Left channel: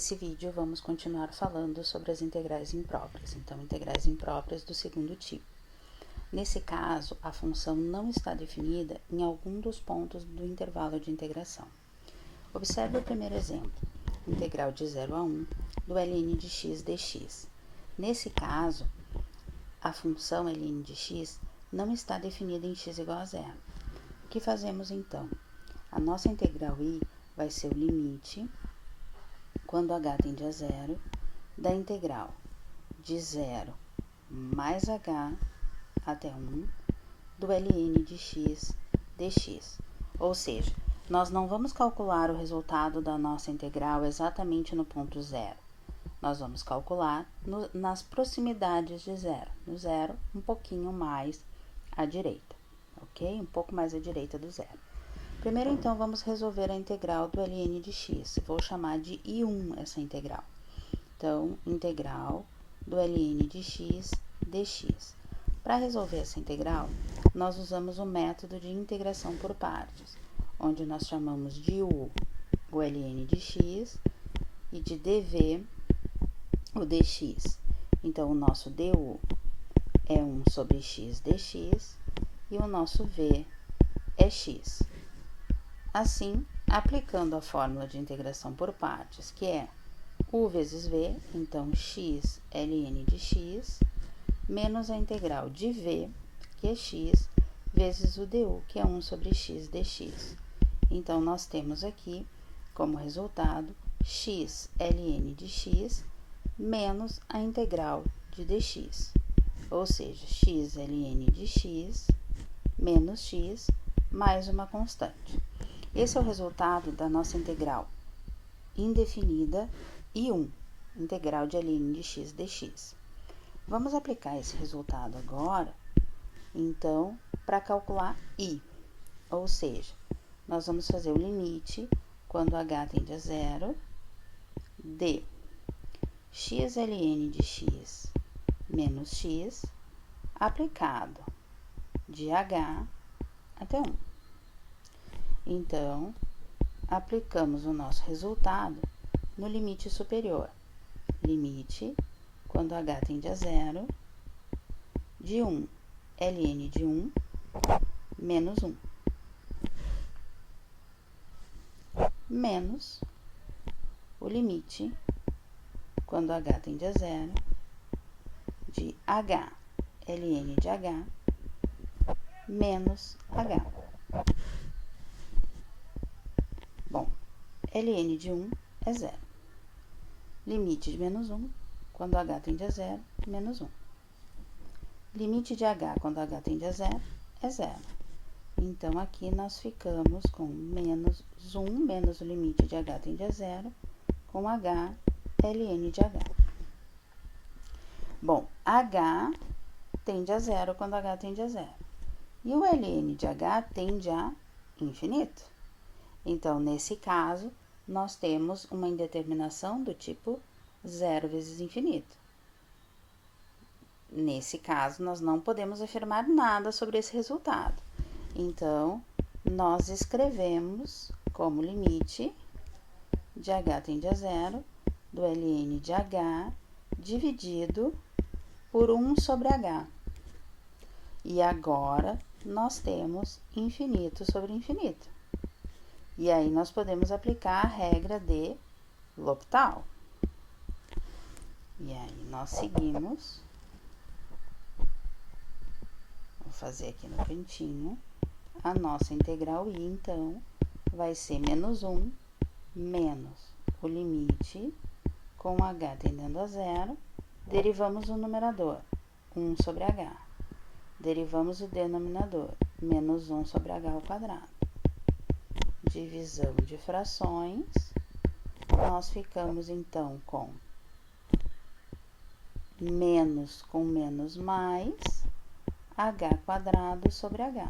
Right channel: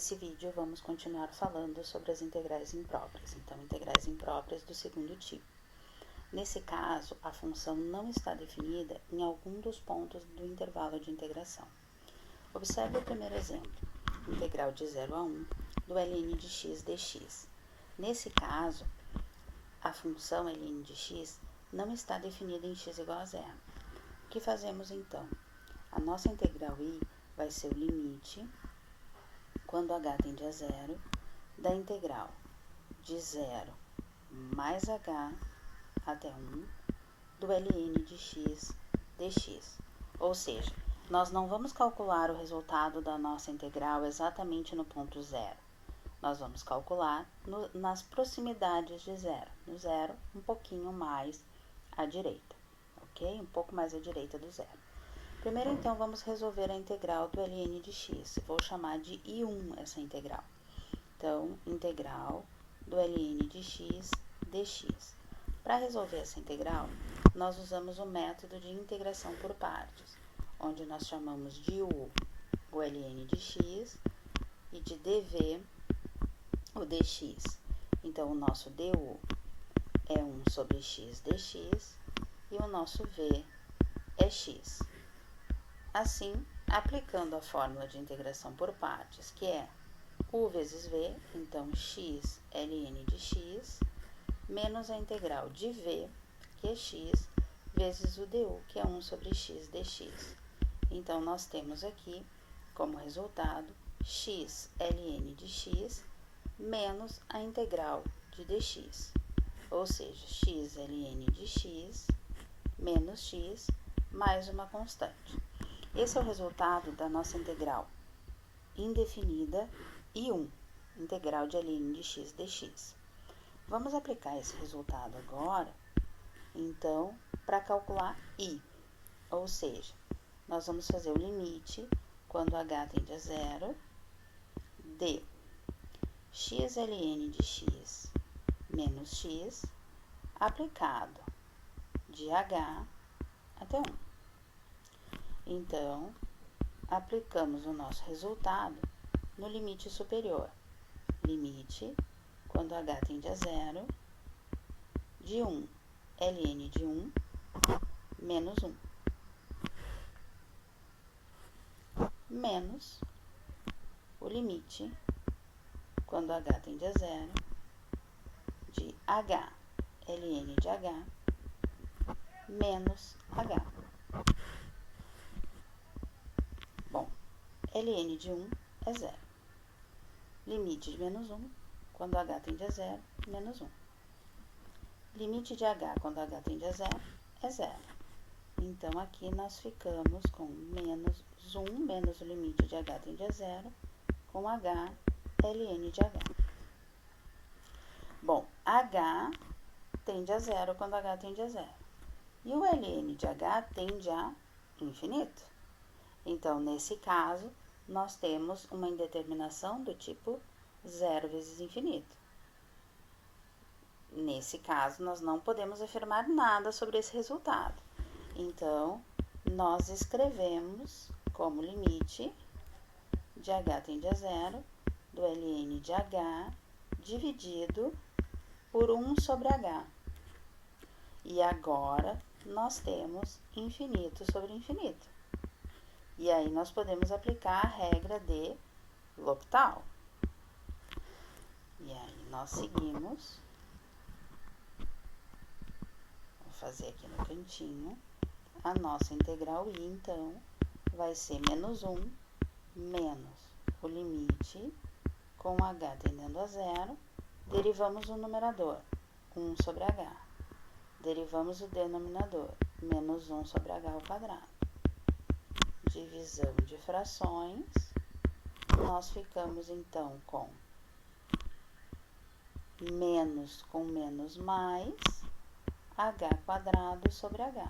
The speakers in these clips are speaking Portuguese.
Nesse vídeo, vamos continuar falando sobre as integrais impróprias, então, integrais impróprias do segundo tipo. Nesse caso, a função não está definida em algum dos pontos do intervalo de integração. Observe o primeiro exemplo, integral de 0 a 1 do ln de x dx. Nesse caso, a função ln de x não está definida em x igual a zero. O que fazemos então? A nossa integral I vai ser o limite, quando h tende a zero, da integral de 0 mais h até 1 do ln de x dx. Ou seja, nós não vamos calcular o resultado da nossa integral exatamente no ponto zero. Nós vamos calcular nas proximidades de zero. No zero, um pouquinho mais à direita, ok? Um pouco mais à direita do zero. Primeiro, então, vamos resolver a integral do ln de x. Vou chamar de I1 essa integral. Então, integral do ln de x dx. Para resolver essa integral, nós usamos o método de integração por partes, onde nós chamamos de u o ln de x e de dv o dx. Então, o nosso du é 1 sobre x dx e o nosso v é x. Assim, aplicando a fórmula de integração por partes, que é u vezes v, então x ln de x, menos a integral de v, que é x, vezes o du, que é 1 sobre x dx. Então, nós temos aqui, como resultado, x ln de x menos a integral de dx, ou seja, x ln de x menos x mais uma constante. Esse é o resultado da nossa integral indefinida I1, integral de ln de x dx. Vamos aplicar esse resultado agora, então, para calcular I, ou seja, nós vamos fazer o limite, quando h tende a zero, de x ln de x menos x, aplicado de h até 1. Então, aplicamos o nosso resultado no limite superior. Limite, quando h tende a zero, de 1, ln de 1, menos 1. Menos o limite, quando h tende a zero, de h, ln de h, menos h. Bom, ln de 1 é zero. Limite de menos 1, quando h tende a zero, menos 1. Limite de h, quando h tende a zero, é zero. Então, aqui nós ficamos com menos 1, menos o limite de h tende a zero, com h, ln de h. Bom, h tende a zero quando h tende a zero. E o ln de h tende a infinito. Então, nesse caso, nós temos uma indeterminação do tipo 0 vezes infinito. Nesse caso, nós não podemos afirmar nada sobre esse resultado. Então, nós escrevemos como limite de h tende a zero do ln de h dividido por 1 sobre h. E agora, nós temos infinito sobre infinito. E aí, nós podemos aplicar a regra de L'Hopital. E aí, nós seguimos. Vou fazer aqui no cantinho. A nossa integral I, então, vai ser menos 1 menos o limite com h tendendo a zero. Derivamos o numerador, 1 sobre h. Derivamos o denominador, menos 1 sobre h ao quadrado. Divisão de frações, nós ficamos então com menos com menos mais h quadrado sobre h.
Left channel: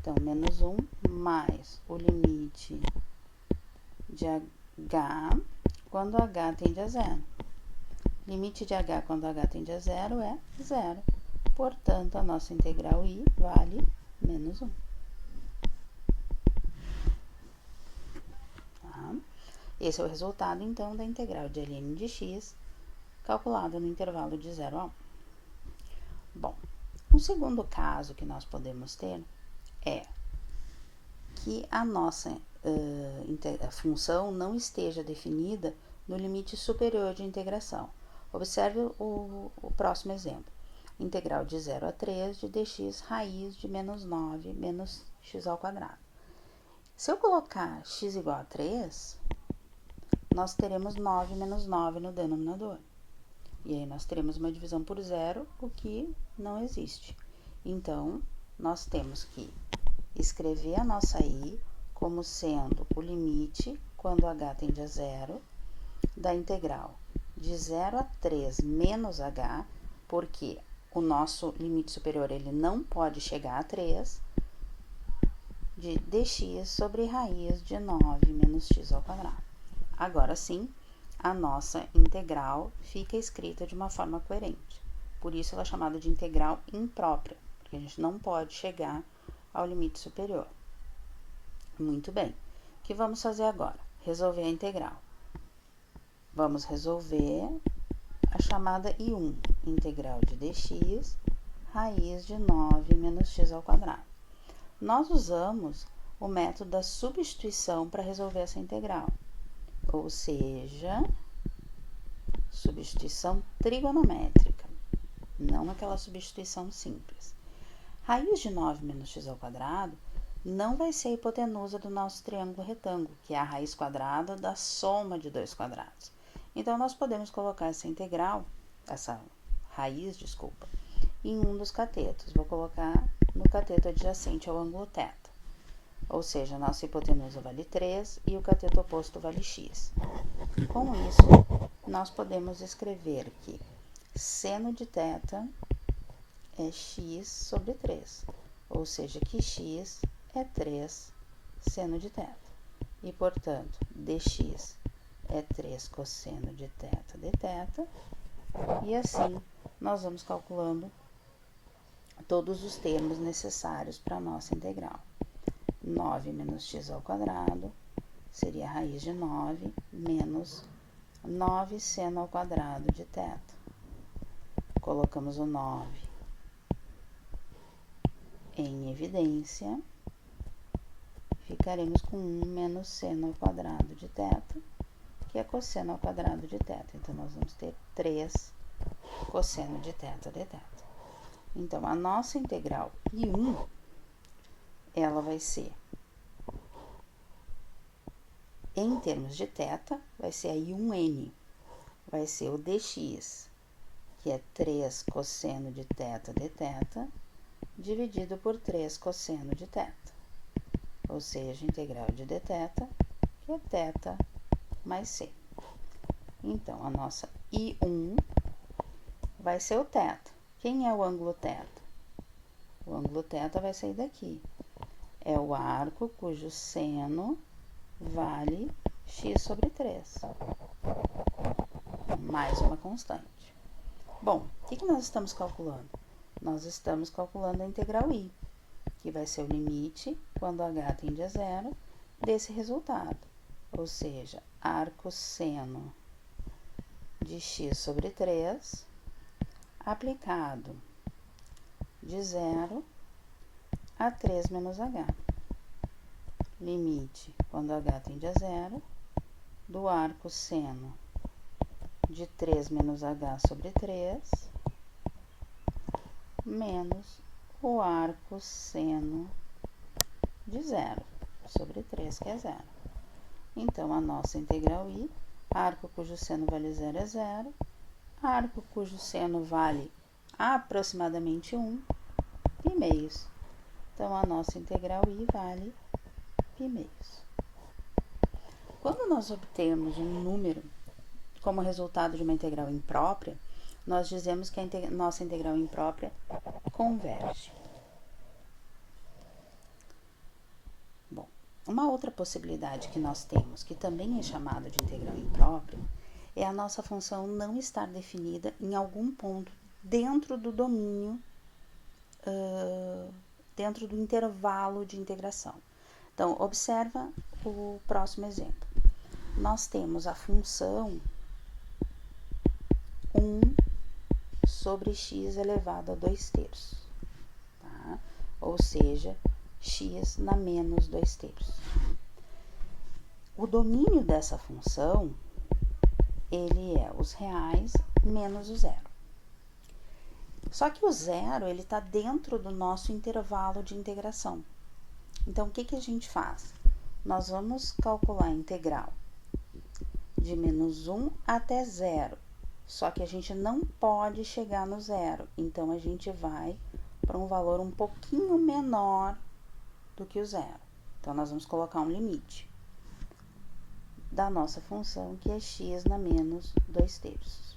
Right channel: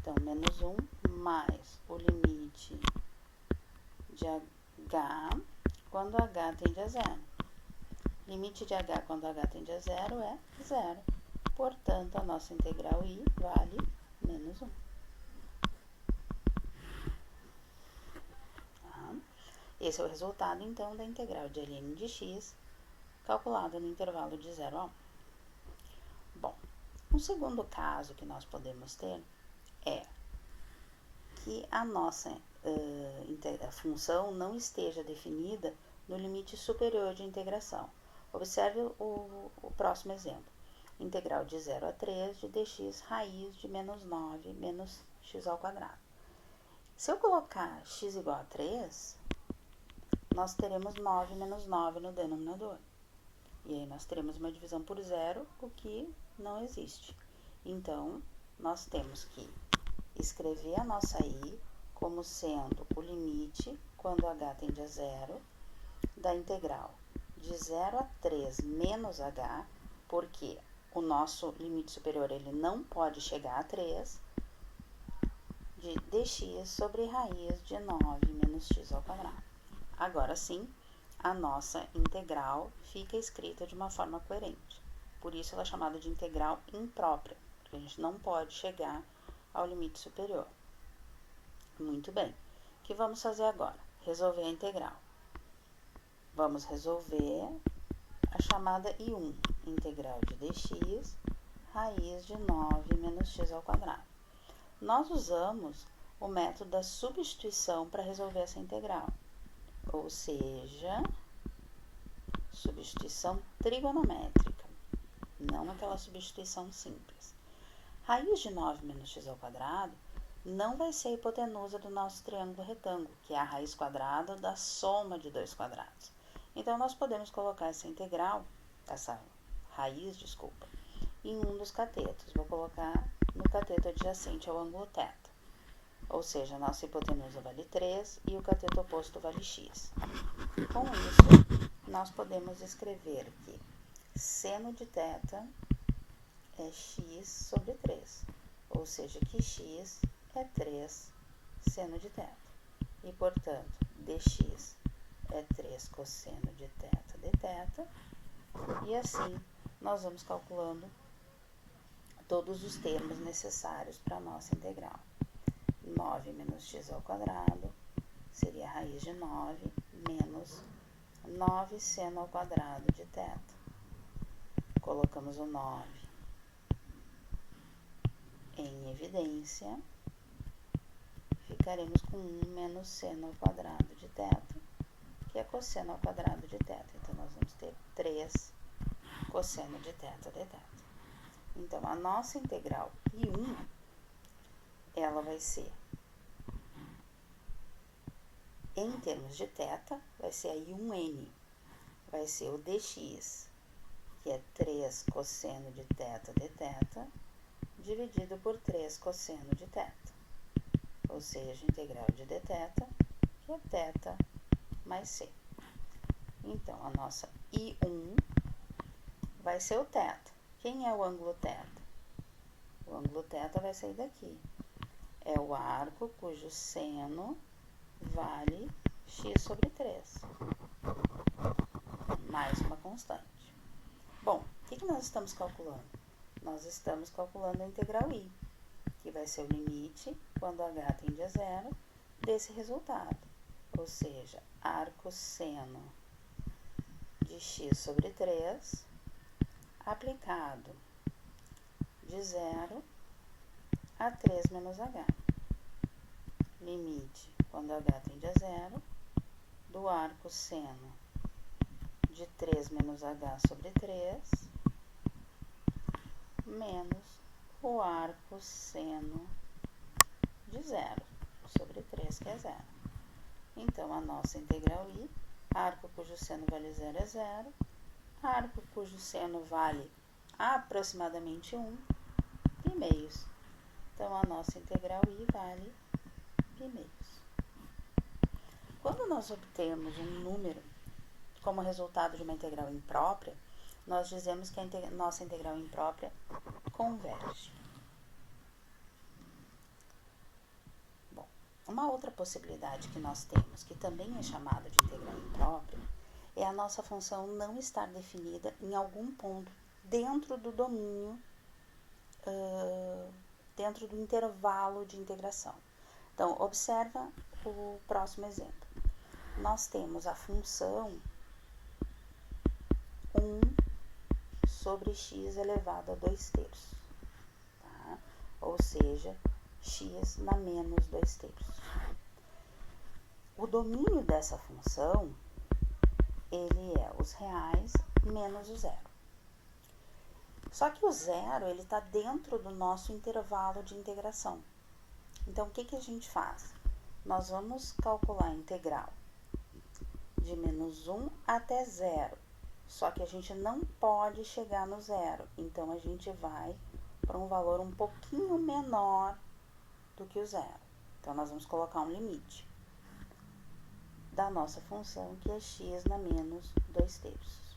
Então, menos 1 mais o limite de h quando h tende a zero. Limite de h quando h tende a zero é zero. Portanto, a nossa integral I vale menos 1. Esse é o resultado, então, da integral de ln de x, calculada no intervalo de 0 a 1. Bom, um segundo caso que nós podemos ter é que a nossa a função não esteja definida no limite superior de integração. Observe o próximo exemplo. Integral de 0 a 3 de dx raiz de menos 9 menos x ao quadrado. Se eu colocar x igual a 3, nós teremos 9 menos 9 no denominador. E aí nós teremos uma divisão por zero, o que não existe. Então, nós temos que escrever a nossa i como sendo o limite, quando h tende a zero, da integral de 0 a 3 menos h, porque o nosso limite superior ele não pode chegar a 3, de dx sobre raiz de 9 menos x ao quadrado. Agora sim, a nossa integral fica escrita de uma forma coerente. Por isso ela é chamada de integral imprópria, porque a gente não pode chegar ao limite superior. Muito bem. O que vamos fazer agora? Resolver a integral. Vamos resolver a chamada I1, integral de dx, raiz de 9 menos x ao quadrado. Nós usamos o método da substituição para resolver essa integral, ou seja, substituição trigonométrica, não aquela substituição simples. Raiz de 9 menos x ao quadrado não vai ser a hipotenusa do nosso triângulo retângulo, que é a raiz quadrada da soma de dois quadrados. Então, nós podemos colocar essa integral, essa raiz, desculpa, em um dos catetos. Vou colocar no cateto adjacente ao ângulo θ. Ou seja, a nossa hipotenusa vale 3 e o cateto oposto vale x. Com isso, nós podemos escrever que seno de θ é x sobre 3. Ou seja, que x é 3 seno de θ. E, portanto, dx é 3 cosseno de θ dθ. E assim, nós vamos calculando todos os termos necessários para a nossa integral. 9 menos x ao quadrado seria a raiz de 9 menos 9 seno ao quadrado de θ. Colocamos o 9 em evidência. Ficaremos com 1 menos seno ao quadrado de θ, que é cosseno ao quadrado de θ. Então, nós vamos ter 3 cosseno de θ dθ. Então, a nossa integral I1, ela vai ser, em termos de θ, vai ser a I1N, vai ser o dx, que é 3 cosseno de θ dθ, dividido por 3 cosseno de θ. Ou seja, integral de dθ, que é θ mais c. Então, a nossa I1 vai ser o θ. Quem é o ângulo θ? O ângulo θ vai sair daqui. É o arco cujo seno vale x sobre 3. Mais uma constante. Bom, o que nós estamos calculando? Nós estamos calculando a integral I, que vai ser o limite, quando h tende a zero, desse resultado. Ou seja, arco seno de x sobre 3, aplicado de 0 a 3 menos h. Limite, quando h tende a zero, do arco seno de 3 menos h sobre 3, menos o arco seno de 0 sobre 3, que é 0. Então, a nossa integral I, arco cujo seno vale 0 é 0, arco cujo seno vale aproximadamente 1, pi meios. Então, a nossa integral I vale pi meios. Quando nós obtemos um número como resultado de uma integral imprópria, nós dizemos que a nossa integral imprópria converge. Bom, uma outra possibilidade que nós temos, que também é chamada de integral imprópria, é a nossa função não estar definida em algum ponto dentro do domínio, dentro do intervalo de integração. Então, observa o próximo exemplo. nós temos a função 1 sobre x elevado a 2/3, tá? Ou seja, x na menos 2/3. O domínio dessa função, ele é os reais menos o zero. Só que o zero, ele está dentro do nosso intervalo de integração. Então, o que que a gente faz? Nós vamos calcular a integral de menos 1 até zero. Só que a gente não pode chegar no zero. Então, a gente vai para um valor um pouquinho menor do que o zero. Então, nós vamos colocar um limite da nossa função, que é x na menos 2/3.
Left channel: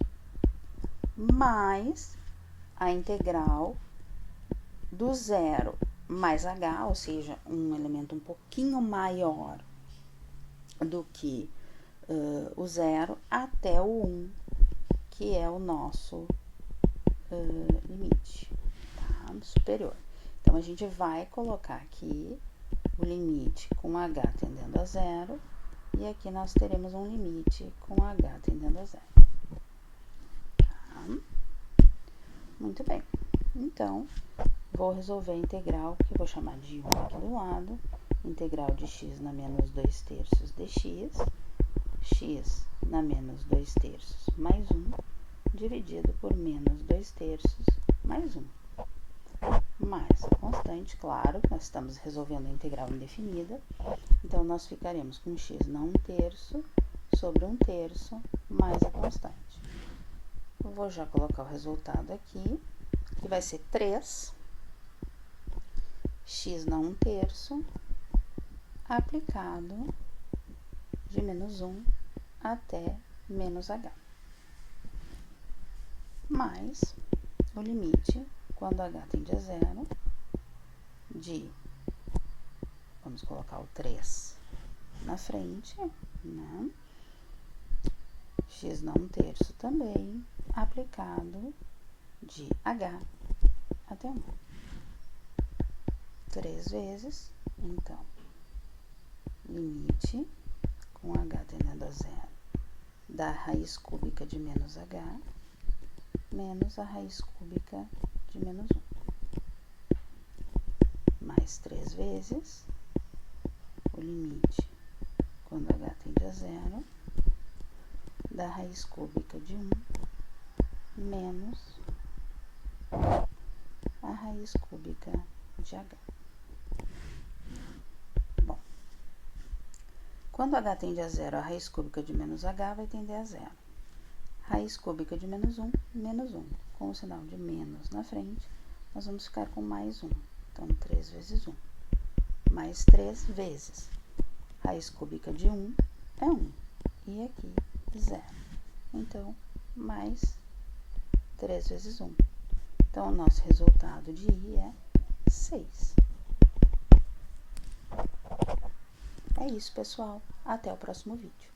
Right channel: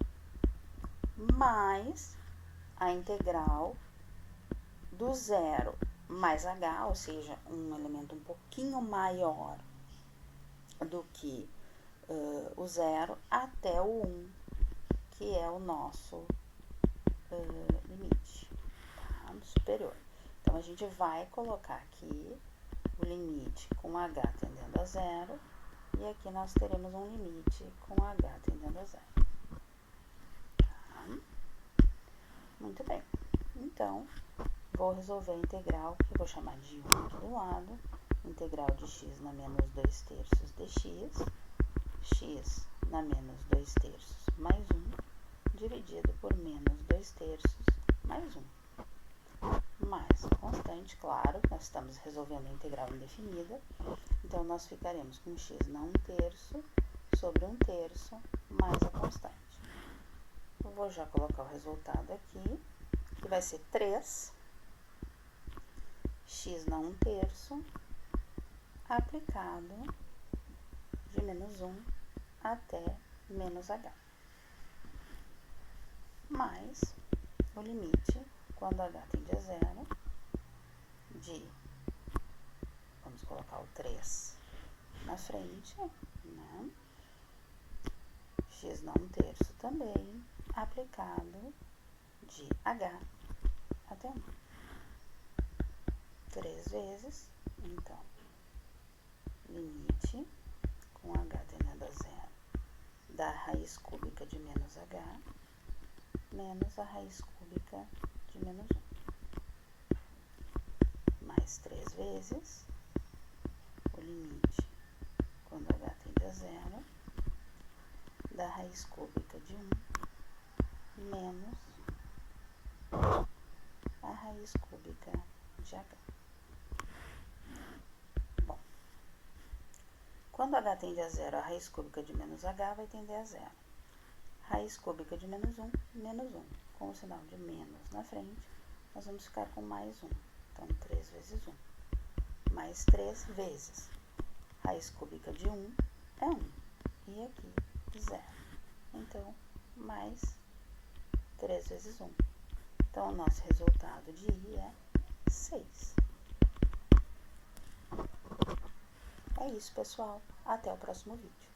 Mais a integral do zero mais h, ou seja, um elemento um pouquinho maior do que o zero, até o 1, que é o nosso limite, tá? Superior. Então, a gente vai colocar aqui o limite com h tendendo a zero, e aqui nós teremos um limite com h tendendo a zero. Tá? Muito bem. Então, vou resolver a integral, que eu vou chamar de 1 aqui do lado. Integral de x na menos 2/3 dx. X na menos 2/3 mais 1, dividido por menos 2/3 mais 1. Mais a constante, claro, nós estamos resolvendo a integral indefinida. Então, nós ficaremos com x na 1/3 sobre 1/3 mais a constante. Eu vou já colocar o resultado aqui, que vai ser 3 x na 1/3 aplicado de menos 1 até menos h. Mais o limite, quando h tende a zero, de, vamos colocar o 3 na frente, né? X na 1/3 também, aplicado de h até 1. 3 vezes, então, limite com h tendendo a zero da raiz cúbica de menos h menos a raiz cúbica de menos 1. Mais 3 vezes o limite quando h tende a zero da raiz cúbica de 1 menos a raiz cúbica de h. Bom, quando h tende a zero, a raiz cúbica de menos h vai tender a zero. Raiz cúbica de menos 1, menos 1. Com o sinal de menos na frente, nós vamos ficar com mais 1. Então, 3 vezes 1. Mais 3 vezes. Raiz cúbica de 1 é 1. E aqui, 0. Então, mais 3 vezes 1. Então, o nosso resultado de I é 6. É isso, pessoal. Até o próximo vídeo.